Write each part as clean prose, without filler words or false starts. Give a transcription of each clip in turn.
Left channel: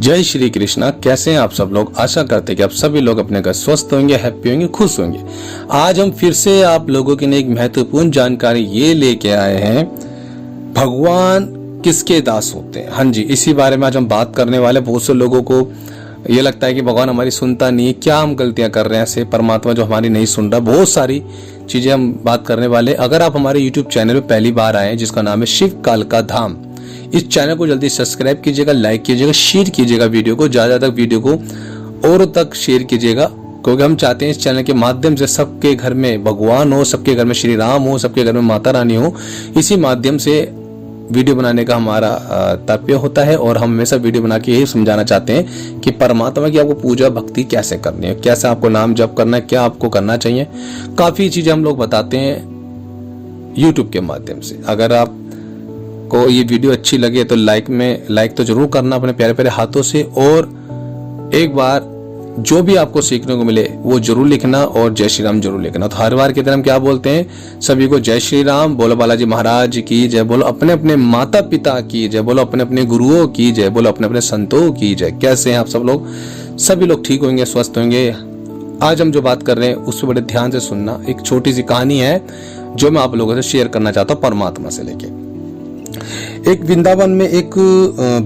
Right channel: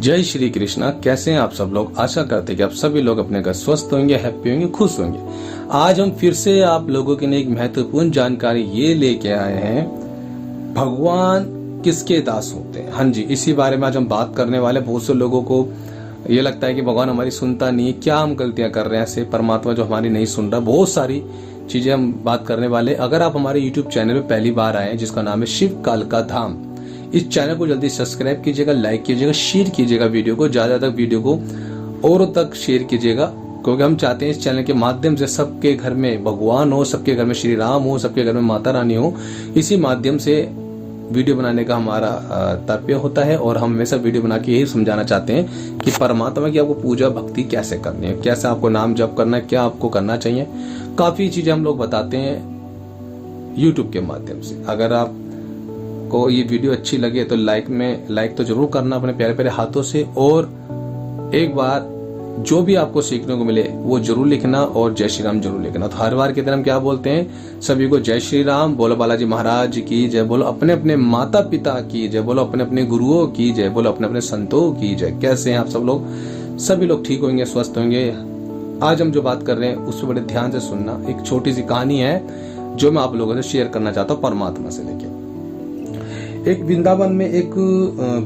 जय श्री कृष्णा। कैसे हैं आप सब लोग। आशा करते हैं कि आप सभी लोग अपने घर स्वस्थ होंगे, हैप्पी होंगे, खुश होंगे। आज हम फिर से आप लोगों के लिए एक महत्वपूर्ण जानकारी ये लेके आए हैं, भगवान किसके दास होते हैं। हाँ जी, इसी बारे में आज हम बात करने वाले। बहुत से लोगों को ये लगता है कि भगवान हमारी सुनता नहीं है, क्या हम गलतियां कर रहे हैं, ऐसे परमात्मा जो हमारी नहीं सुन रहा। बहुत सारी चीजें हम बात करने वाले। अगर आप हमारे YouTube चैनल में पहली बार आए हैं, जिसका नाम है शिव काल का धाम, इस चैनल को जल्दी सब्सक्राइब कीजिएगा, लाइक कीजिएगा, शेयर कीजिएगा वीडियो को, ज्यादा तक वीडियो को और तक शेयर कीजिएगा, क्योंकि हम चाहते हैं इस चैनल के माध्यम से सबके घर में भगवान हो, सबके घर में श्री राम हो, सबके घर में माता रानी हो। इसी माध्यम से वीडियो बनाने का हमारा तात्पर्य होता है और हम हमेशा वीडियो बना के यही समझाना चाहते हैं कि परमात्मा की आपको पूजा भक्ति कैसे करनी है, कैसे आपको नाम जप करना है, क्या आपको करना चाहिए। काफी चीजें हम लोग बताते हैं यूट्यूब के माध्यम से। अगर आप को ये वीडियो अच्छी लगे तो लाइक तो जरूर करना अपने प्यारे प्यारे हाथों से, और एक बार जो भी आपको सीखने को मिले वो जरूर लिखना और जय श्री राम जरूर लिखना। तो हर बार की तरह हम क्या बोलते हैं, सभी को जय श्री राम, बोलो बालाजी महाराज की जय, बोलो अपने अपने माता पिता की जय, बोलो अपने अपने गुरुओं की जय, बोलो अपने अपने संतों की जय। कैसे हैं आप सब लोग। सभी लोग ठीक होंगे, स्वस्थ होंगे। आज हम जो बात कर रहे हैं उससे बड़े ध्यान से सुनना। एक छोटी सी कहानी है जो मैं आप लोगों से शेयर करना चाहता हूँ परमात्मा से लेके। एक वृंदावन में एक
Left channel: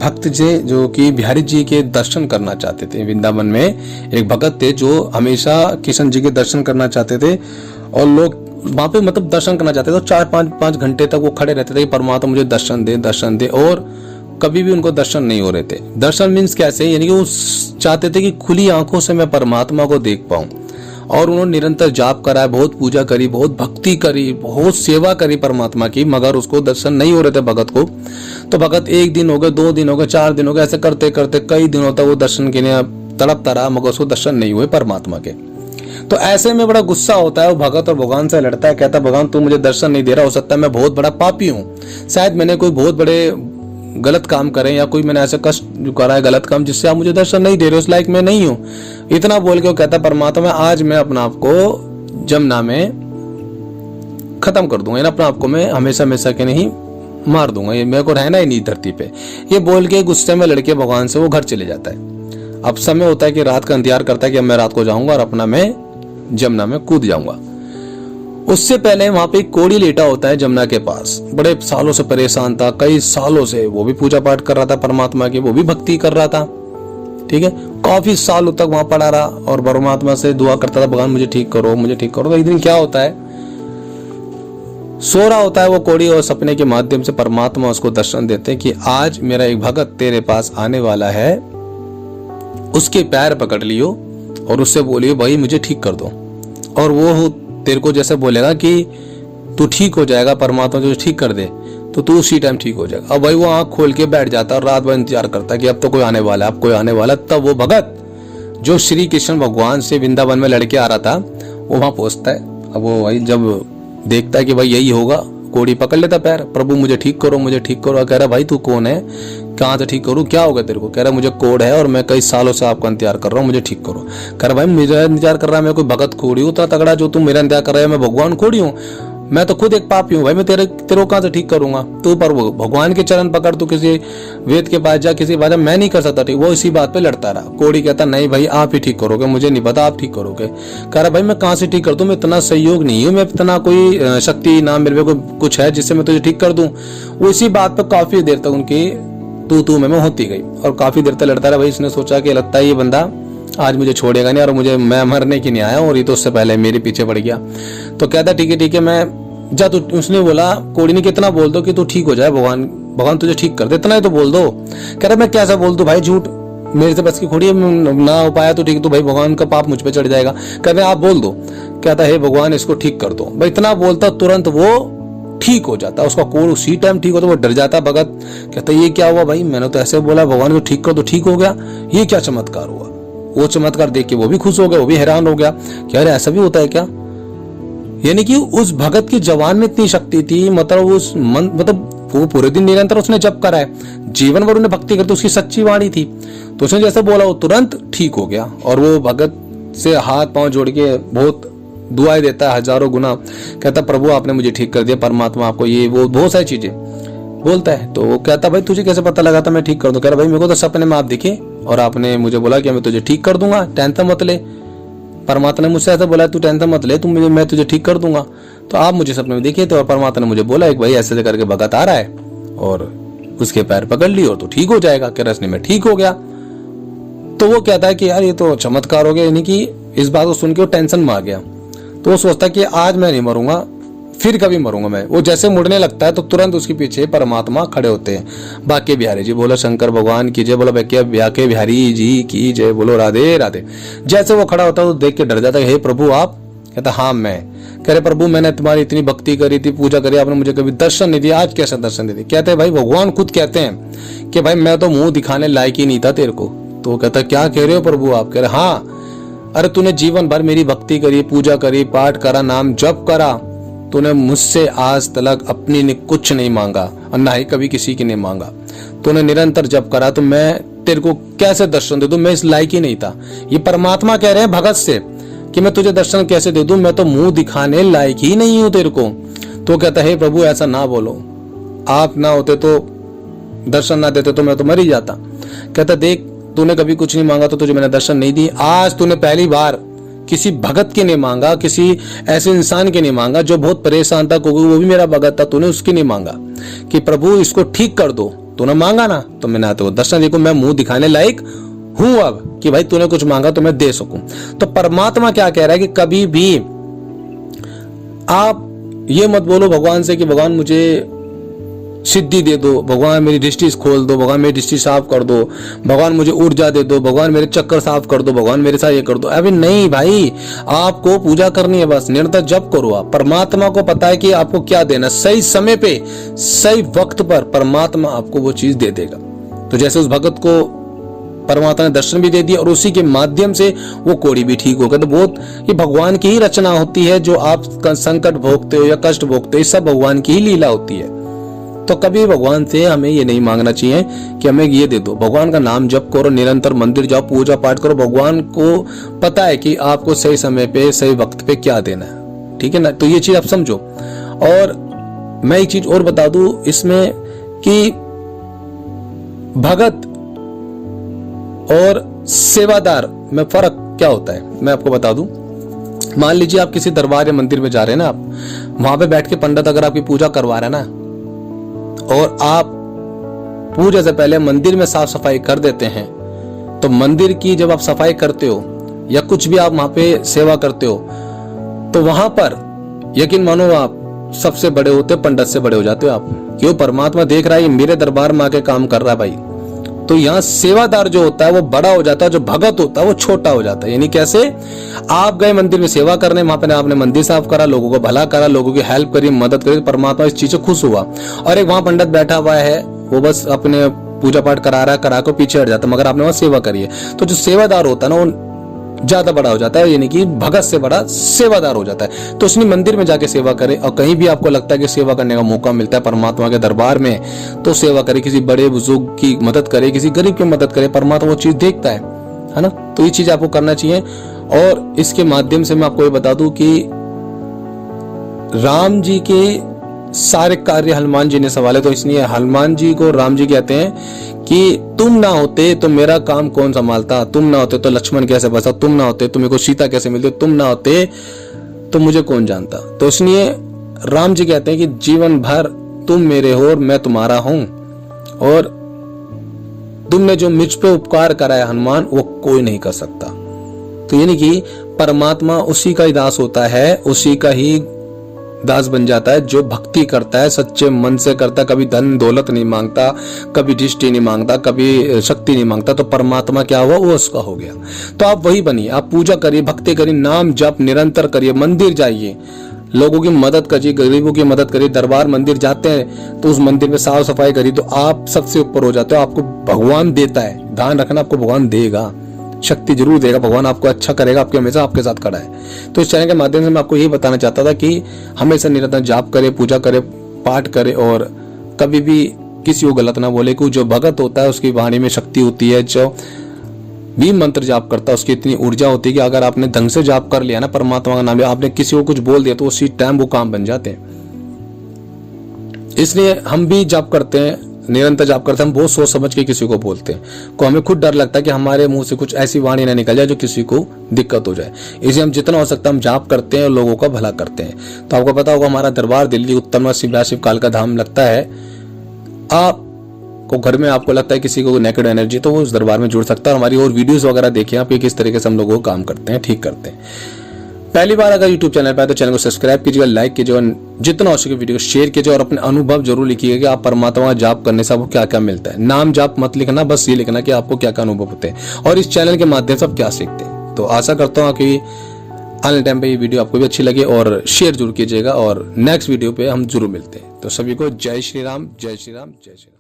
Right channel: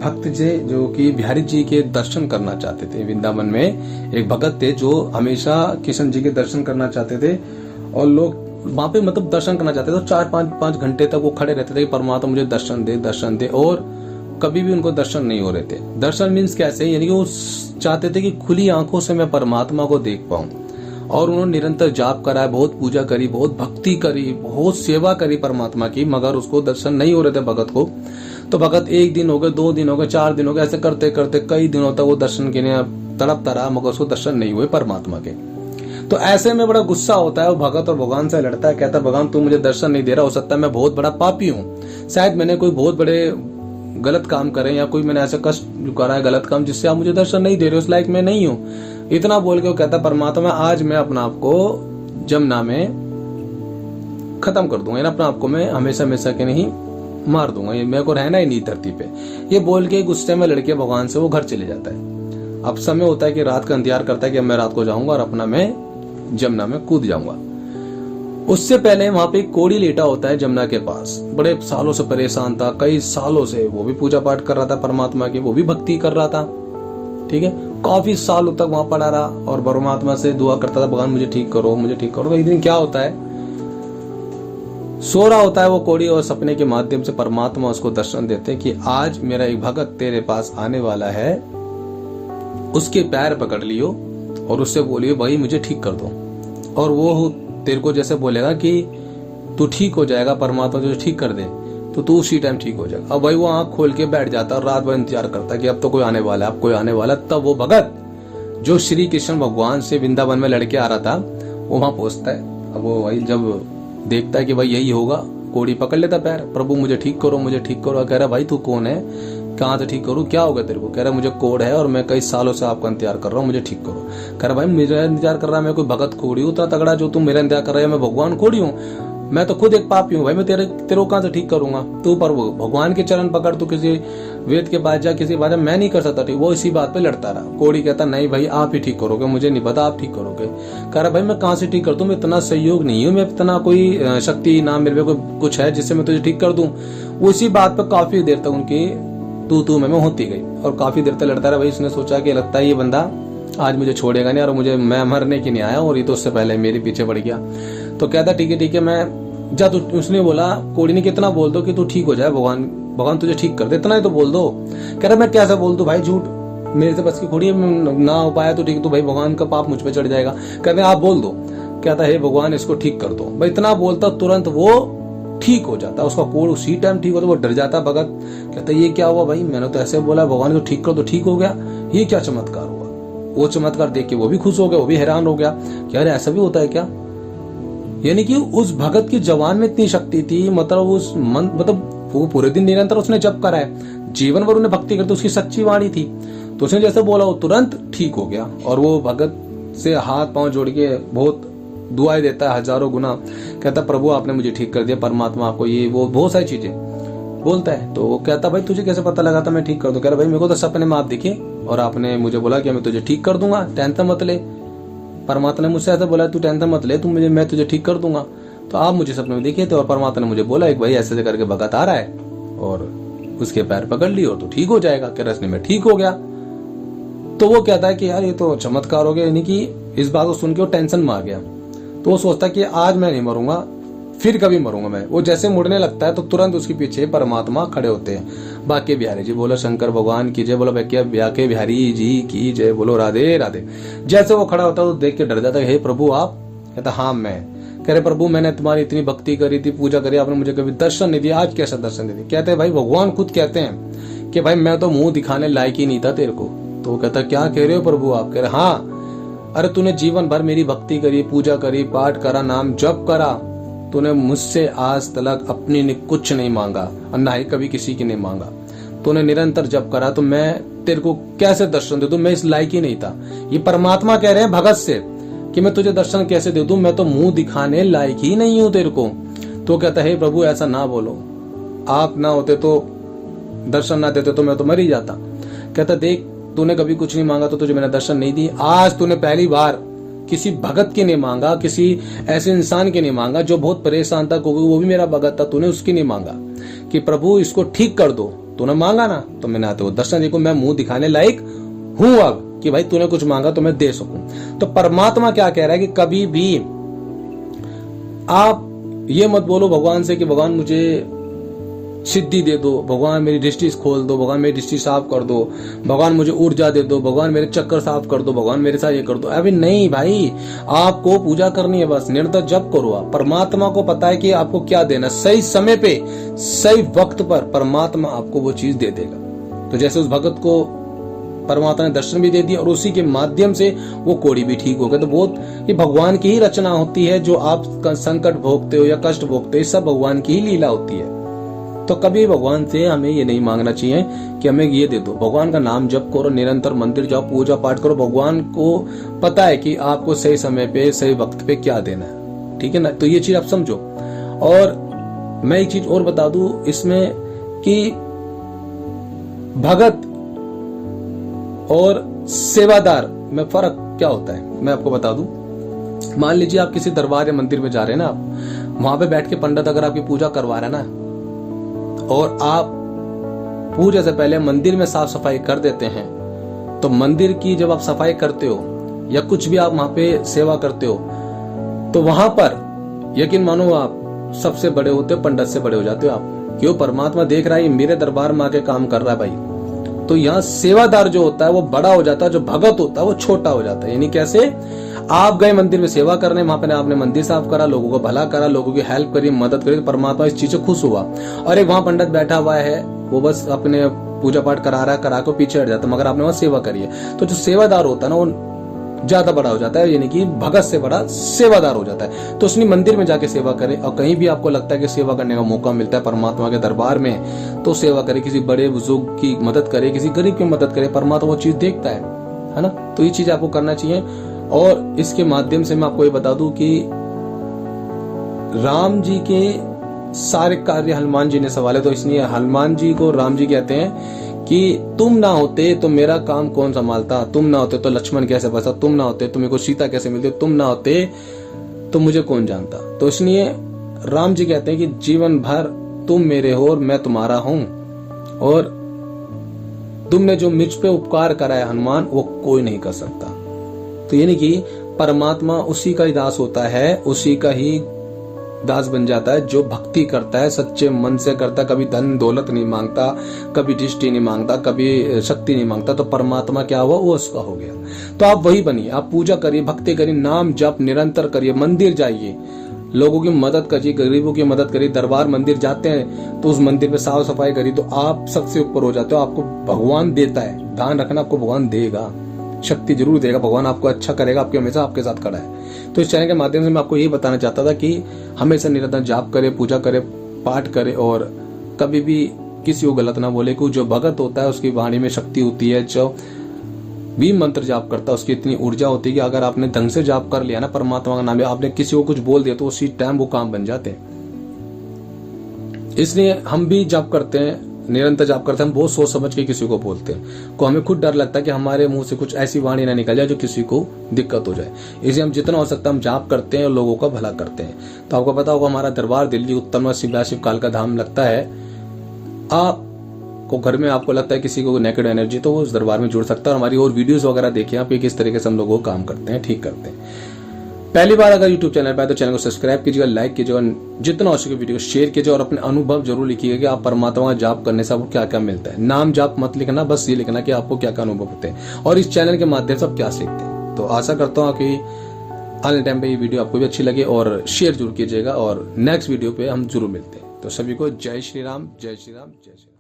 भक्त जी जो कि बिहारी जी के दर्शन करना चाहते थे। वृंदावन में एक भगत थे जो हमेशा कृष्ण जी के दर्शन करना चाहते थे, और लोग वहां पे मतलब दर्शन करना चाहते थे तो 4-5 घंटे तक वो खड़े रहते थे कि परमात्मा मुझे दर्शन दे, और कभी भी उनको दर्शन नहीं हो रहे थे। दर्शन मीन्स कैसे, यानी कि वो चाहते थे कि खुली आंखों से मैं परमात्मा को देख पाऊं। और उन्होंने निरंतर जाप करा, बहुत पूजा करी, बहुत भक्ति करी, बहुत सेवा करी परमात्मा की, मगर उसको दर्शन नहीं हो रहे थे भगत को। तो भगत 1 दिन हो गए, 2 दिन हो गए, 4 दिन हो गए, ऐसे करते करते कई दिनों तक वो दर्शन के लिए तड़पता रहा, मगर उसको दर्शन नहीं हुए परमात्मा के। तो ऐसे में बड़ा गुस्सा होता है वो भगत और भगवान से लड़ता है, कहता है भगवान तू मुझे दर्शन नहीं दे रहा, हो सकता है मैं बहुत बड़ा पापी हूँ, शायद मैंने कोई बहुत बड़े गलत काम करें या कोई मैंने ऐसा कष्ट करा है गलत काम जिससे आप मुझे दर्शन नहीं दे रहे, उस लायक मैं नहीं हूं। इतना बोल के वो कहता परमात्मा आज मैं अपना आप को जमुना में खत्म कर दूंगा, अपने आप को मैं हमेशा हमेशा के नहीं मार दूंगा, ये मेरे को रहना ही नहीं धरती पे। ये बोल के गुस्से में लड़के भगवान से वो घर चले जाता है। अब समय होता है कि रात का इंतजार करता है कि अब मैं रात को जाऊंगा और अपना मैं जमुना में कूद जाऊंगा। उससे पहले वहां पे एक कोढ़ी लेटा होता है जमुना के पास, बड़े सालों से परेशान था, कई सालों से वो भी पूजा पाठ कर रहा था परमात्मा की, वो भी भक्ति कर रहा था, ठीक है। काफी सालों तक वहां पड़ा रहा और परमात्मा से दुआ करता था भगवान मुझे ठीक करो, मुझे ठीक करो। तो एक दिन क्या होता है, सो रहा होता है वो कोढ़ी और सपने के माध्यम से परमात्मा उसको दर्शन देते हैं कि आज मेरा एक भगत तेरे पास आने वाला है, उसके पैर पकड़ लियो और उससे बोलियो भाई मुझे ठीक कर दो, और वो तेरे को जैसे बोलेगा कि तू ठीक हो जाएगा, परमात्मा तुझे ठीक कर दे, तो तू उसी टाइम ठीक हो जाएगा। अब भाई वो आंख खोल के बैठ जाता है और रात भर इंतजार करता है कि अब तो कोई आने वाला है, अब कोई आने वाला। तब वो भगत जो श्री कृष्ण भगवान से वृंदावन में लड़के आ रहा था वो वहां पहुंचता है। अब वो भाई जब देखता है कि भाई यही होगा, कोढ़ी पकड़ लेता पैर, प्रभु मुझे ठीक करो, मुझे ठीक करो। कह रहा भाई तू कौन है, कहाँ से ठीक करूँ, क्या होगा तेरे को। कह रहा मुझे कोढ़ है और मैं कई सालों से आपका इंतजार कर रहा हूँ, मुझे ठीक करो। कह रहा भाई मेरा इंतजार कर रहा है, मैं कोई भगत खोड़ी हूँ तो तगड़ा जो तुम मेरा इंतजार कर रहा है, मैं भगवान खोड़ी हूँ, मैं तो खुद एक पापी हूँ भाई, मैं तेरे को कहाँ से ठीक करूंगा। तू पर भगवान के चरण पकड़, तू किसी वेद के पास जा, किसी बात मैं नहीं कर सकता ठीक। वो इसी बात पे लड़ता रहा। कोढ़ी कहता नहीं भाई आप ही ठीक करोगे, मुझे नहीं पता आप ठीक करोगे। कह रहा भाई मैं कहाँ से ठीक कर दूं, मैं इतना सहयोग नहीं हूँ, मैं इतना कोई शक्ति ना मेरे को कुछ है जिससे मैं तुझे ठीक कर दूं। वो इसी बात पर काफी देर तक उनकी तू में होती गई और काफी देर तक लड़ता रहा। भाई इसने सोचा कि लगता है ये बंदा आज मुझे छोड़ेगा नहीं और मैं मरने की नहीं आया और ये तो उससे पहले मेरे पीछे पड़ गया। तो कहता ठीक है मैं जा, तू उसने बोला, कोढ़ी ने कितना बोल दो कि तू ठीक हो जाए, भगवान तुझे ठीक कर दे, इतना ही तो बोल दो। कह रहा मैं कैसा बोल दूं भाई, झूठ मेरे से बस की खोड़ी ना हो पाया तो ठीक, तो भाई भगवान का पाप मुझ पे चढ़ जाएगा। कहते आप बोल दो। कहता है भगवान इसको ठीक कर दो। भाई इतना बोलता तुरंत वो ठीक हो जाता, उसका कोढ़ उसी टाइम ठीक होता। वो डर जाता भगत, कहता ये क्या हुआ भाई, मैंने तो ऐसे बोला भगवान को ठीक कर दो, ठीक हो गया, ये क्या चमत्कार हुआ। वो चमत्कार देख के वो भी खुश हो गया, वो भी हैरान हो गया कि अरे ऐसा भी होता है क्या। यानी कि उस भगत की जवान में इतनी शक्ति थी, मतलब वो पूरे दिन निरंतर उसने जप करा है, जीवन भर उन्हें भक्ति करते, उसकी सच्ची वाणी थी। तो उसने जैसे बोला वो तुरंत ठीक हो गया और वो भगत से हाथ पांव जोड़ के बहुत दुआएं देता है हजारों गुना। कहता प्रभु आपने मुझे ठीक कर दिया, परमात्मा आपको ये वो बहुत सारी चीजें। बोलता है। तो वो कहता भाई तुझे कैसे पता लगा था मैं ठीक कर दूं? कह रहा भाई मेरे को तो सपने में आप दिखे और आपने मुझे बोला कि मैं तुझे ठीक कर दूंगा, टेंशन मत ले। परमात्मा ने मुझसे ऐसा बोला तू टेंशन मत ले, मैं तुझे ठीक कर दूंगा। तो आप मुझे सपने में दिखे तो परमात्मा ने मुझे बोला एक भाई ऐसे करके भगत आ रहा है और उसके पैर पकड़ ली और तू ठीक हो जाएगा। कह रहा मैं ठीक हो गया। तो वो कहता है कि यार ये तो चमत्कार हो गया, यानी कि इस बात को सुन के वो टेंशन में आ गया। तो वो सोचता है कि आज मैं नहीं मरूंगा, फिर कभी मरूंगा मैं। वो जैसे मुड़ने लगता है तो तुरंत उसके पीछे परमात्मा खड़े होते हैं। बाके बिहारी जी बोलो शंकर भगवान की जय, बोलो बाके बिहारी जी की जय, बोलो राधे राधे। जैसे वो खड़ा होता है तो देख के डर जाता है, हे प्रभु आप? कहता हाँ मैं। कह रहे प्रभु मैंने तुम्हारी इतनी भक्ति करी थी, पूजा करी, आपने मुझे कभी दर्शन नहीं दिया, आज कैसे दर्शन दे दिए? कहते हैं भाई भगवान खुद कहते हैं कि भाई मैं तो मुंह दिखाने लायक ही नहीं था तेरे को। तो वो कहता क्या कह रहे हो प्रभु आप? कह रहे हाँ, अरे तूने जीवन भर मेरी भक्ति करी, पूजा करी, पाठ करा, नाम जप करा, तूने मुझसे आज तक अपनी ने कुछ नहीं मांगा और ना ही कभी किसी की नहीं मांगा। तूने निरंतर जप करा, तो मैं तेरे को कैसे दर्शन दे दूं? मैं इस लायक ही नहीं था। ये परमात्मा कह रहे हैं भगत से कि मैं तुझे दर्शन कैसे दे दूं, मैं तो मुंह दिखाने लायक ही नहीं हूं तेरे को। तो कहता है प्रभु ऐसा ना बोलो, आप ना होते तो दर्शन ना देते तो मैं तो मर ही जाता। कहता देख तूने कभी कुछ नहीं मांगा तो तुझे मैंने दर्शन नहीं दी, आज तूने पहली बार किसी भगत के नहीं मांगा, किसी ऐसे इंसान के नहीं मांगा जो बहुत परेशान था, वो भी मेरा भगत था, तूने उसकी नहीं मांगा कि प्रभु इसको ठीक कर दो, तूने मांगा ना तो मैंने तो दर्शन देखो मैं मुंह दिखाने लायक हूं अब कि भाई तूने कुछ मांगा तो मैं दे सकूं। तो परमात्मा क्या कह रहा है कि कभी भी आप ये मत बोलो भगवान से कि भगवान मुझे सिद्धि दे दो, भगवान मेरी दृष्टि खोल दो, भगवान मेरी दृष्टि साफ कर दो, भगवान मुझे ऊर्जा दे दो, भगवान मेरे चक्कर साफ कर दो, भगवान मेरे साथ ये कर दो। अभी नहीं भाई, आपको पूजा करनी है, बस निरंतर जप करो। आप परमात्मा को पता है कि आपको क्या देना, सही समय पे सही वक्त पर परमात्मा आपको वो चीज दे देगा। तो जैसे उस भगत को परमात्मा ने दर्शन भी दे दिया और उसी के माध्यम से वो कोड़ी भी ठीक हो गया। तो बहुत ये भगवान की ही रचना होती है, जो आप संकट भोगते हो या कष्ट भोगते हो, सब भगवान की ही लीला होती है। तो कभी भगवान से हमें ये नहीं मांगना चाहिए कि हमें ये दे दो। भगवान का नाम जप करो, निरंतर मंदिर जाओ, पूजा पाठ करो। भगवान को पता है कि आपको सही समय पे सही वक्त पे क्या देना है, ठीक है ना? तो ये चीज आप समझो। और मैं एक चीज और बता दूं इसमें कि भगत और सेवादार में फर्क क्या होता है मैं आपको बता दूं। मान लीजिए आप किसी दरबार या मंदिर में जा रहे हैं ना, आप वहां पे बैठ के पंडित अगर आपकी पूजा करवा रहे हैं ना, और आप पूजा से पहले मंदिर में साफ सफाई कर देते हैं, तो मंदिर की जब आप सफाई करते हो या कुछ भी आप वहां पे सेवा करते हो, तो वहां पर यकीन मानो आप सबसे बड़े होते, पंडित से बड़े हो जाते हो आप। क्यों? परमात्मा देख रहा है मेरे दरबार में आके काम कर रहा है भाई। तो यहाँ सेवादार जो होता है वो बड़ा हो जाता है, जो भगत होता है वो छोटा हो जाता है। यानी कैसे? आप गए मंदिर में सेवा करने, वहां पे आपने मंदिर साफ करा, लोगों को भला करा, लोगों की हेल्प करी, मदद करी, परमात्मा इस चीज से खुश हुआ। और एक वहां पंडित बैठा हुआ है, वो बस अपने पूजा पाठ करा रहा है, करा कर पीछे हट जाता है, मगर आपने वहां सेवा करी है। तो जो सेवादार होता है ना वो ज्यादा बड़ा हो जाता है, यानी कि भगत से बड़ा सेवादार हो जाता है। तो उसने मंदिर में जाके सेवा करे, और कहीं भी आपको लगता है कि सेवा करने का मौका मिलता है परमात्मा के दरबार में, तो सेवा करे, किसी बड़े बुजुर्ग की मदद करे, किसी गरीब की मदद करे, परमात्मा वो चीज देखता है ना? तो ये चीज आपको करना चाहिए। और इसके माध्यम से मैं आपको ये बता दूं कि राम जी के सारे कार्य हनुमान जी ने संभाले, तो इसलिए हनुमान जी को राम जी कहते हैं कि तुम ना होते तो मेरा काम कौन संभालता, तुम ना होते तो लक्ष्मण कैसे बचा, तुम ना होते तो मेरे को सीता कैसे मिलती, तुम ना होते तो मुझे कौन जानता। तो इसलिए राम जी कहते हैं कि जीवन भर तुम मेरे हो और मैं तुम्हारा हूं, और तुमने जो मुझ पे उपकार करा है हनुमान, वो कोई नहीं कर सकता। तो यानी कि परमात्मा उसी का ही दास होता है, उसी का ही दास बन जाता है जो भक्ति करता है, सच्चे मन से करता है, कभी धन दौलत नहीं मांगता, कभी दृष्टि नहीं मांगता, कभी शक्ति नहीं मांगता। तो परमात्मा क्या हुआ? वो उसका हो गया। तो आप वही बनिए, आप पूजा करिए, भक्ति करिए, नाम जप निरंतर करिए, मंदिर जाइए, लोगों की मदद करिए, गरीबों की मदद करिए। दरबार मंदिर जाते हैं तो उस मंदिर में साफ सफाई करिए, तो आप सबसे ऊपर हो जाते हो। आपको भगवान देता है, ध्यान रखना, आपको भगवान देगा, शक्ति जरूर देगा, भगवान आपको अच्छा करेगा, आपके हमेशा आपके साथ खड़ा है। तो इस चैनल के माध्यम से मैं आपको यही बताना चाहता था कि हमेशा निरंतर जाप करे, पूजा करे, पाठ करे, और कभी भी किसी को गलत ना बोले। क्योंकि जो भगत होता है उसकी वाणी में शक्ति होती है, जो भी मंत्र जाप करता है उसकी इतनी ऊर्जा होती है कि अगर आपने ढंग से जाप कर लिया ना परमात्मा का नाम, आपने किसी को कुछ बोल दिया तो उसी टाइम वो काम बन जाते हैं। इसलिए हम भी जाप करते हैं, निरंतर जाप करते हैं, हम बहुत सोच समझ के किसी को बोलते हैं, को हमें खुद डर लगता है कि हमारे मुंह से कुछ ऐसी वाणी ना निकल जाए जो किसी को दिक्कत हो जाए। इसलिए हम जितना हो सकता है हम जाप करते हैं और लोगों का भला करते हैं। तो आपको पता होगा हमारा दरबार दिल्ली उत्तर शिव काल का धाम लगता है। आप को घर में आपको लगता है किसी को नेगेटिव एनर्जी, तो वो उस दरबार में जुड़ सकता है। हमारी और वीडियोस वगैरह देखिए आप, ये किस तरीके से हम लोगों को काम करते हैं, ठीक करते हैं। पहली बार अगर YouTube चैनल पर आए तो चैनल को सब्सक्राइब कीजिएगा, लाइक कीजिएगा, जितना हो सके वीडियो को शेयर कीजिए और अपने अनुभव जरूर लिखिएगा कि आप परमात्मा जाप करने से आपको क्या क्या मिलता है। नाम जाप मत लिखना, बस ये लिखना कि आपको क्या क्या अनुभव होते हैं और इस चैनल के माध्यम से आप क्या सीखते हैं। तो आशा करता हूँ कि आने टाइम पे ये वीडियो आपको भी अच्छी लगे और शेयर जरूर कीजिएगा और नेक्स्ट वीडियो पे हम जरूर मिलते हैं। तो सभी को जय श्री राम, जय श्री राम, जय श्री राम।